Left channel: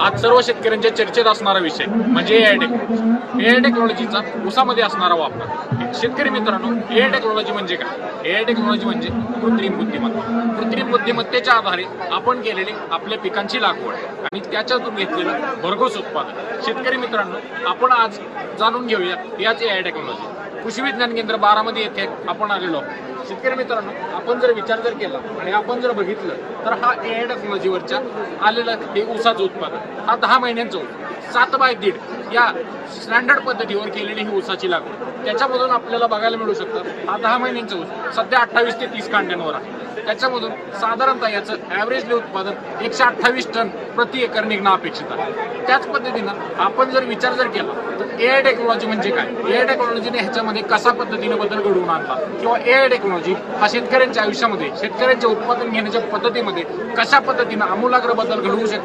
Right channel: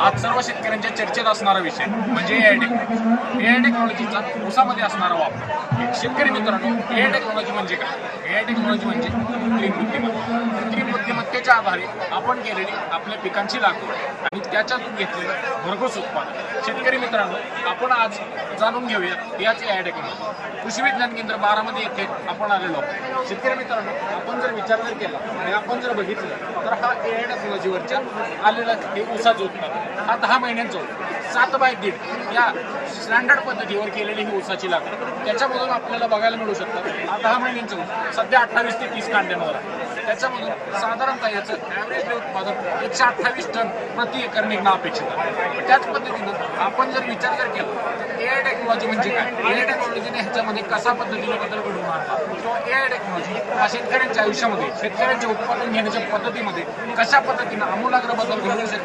आज सर्व शेतकऱ्यांच्या चर्चेत असणारा विषय म्हणजे एआय टेक्नॉलॉजी. एआय टेक्नॉलॉजीचा ऊसामध्ये असणारा वापर. शेतकरी मित्रांनो, एआय टेक्नॉलॉजी म्हणजे काय? एआय टेक्नॉलॉजी म्हणजे कृत्रिम बुद्धिमत्ता. कृत्रिम बुद्धिमत्तेच्या आधारे आपण केलेली आपल्या पिकांची लागवड आणि त्याच्यातून घेतलेलं भरघोस उत्पादन. शेतकरी मित्रांनो, आपण आज जाणून घेऊया याच एआय टेक्नॉलॉजी. कृषी विज्ञान केंद्र बारामती येथे आपण आलेलो आहोत. शेतकरी मित्रांनो, आपण जर विचार केला आणि आपण जर बघितलं तर हा एआय टेक्नॉलॉजीवरच्या आलेला हे ऊसाचं उत्पादन हा 10 महिन्यांचं होतं. 7x1.5 या स्टँडर्ड पद्धतीवर केलेली ही ऊसाची लागवड. त्याच्यामधून आपल्याला बघायला मिळू शकतं हा 10 महिन्यांचं ऊस सध्या 28 ते 30 कांड्यांवर आहे. त्याच्यामधून साधारणतः याचं ॲव्हरेजली उत्पादन 128 टन प्रति एकर निघणं अपेक्षित आहे. त्याच पद्धतीनं आपण जर विचार केला तर एआय टेक्नॉलॉजी म्हणजे काय? एआय टेक्नॉलॉजीने ह्याच्यामध्ये कसा पद्धतीने बदल घडवून आणला किंवा एआय टेक्नॉलॉजी हा शेतकऱ्यांच्या आयुष्यामध्ये शेतकऱ्यांच्या उत्पादन घेण्याच्या पद्धतीमध्ये कशा पद्धतीनं आमूलाग्र बदल घडवू शकते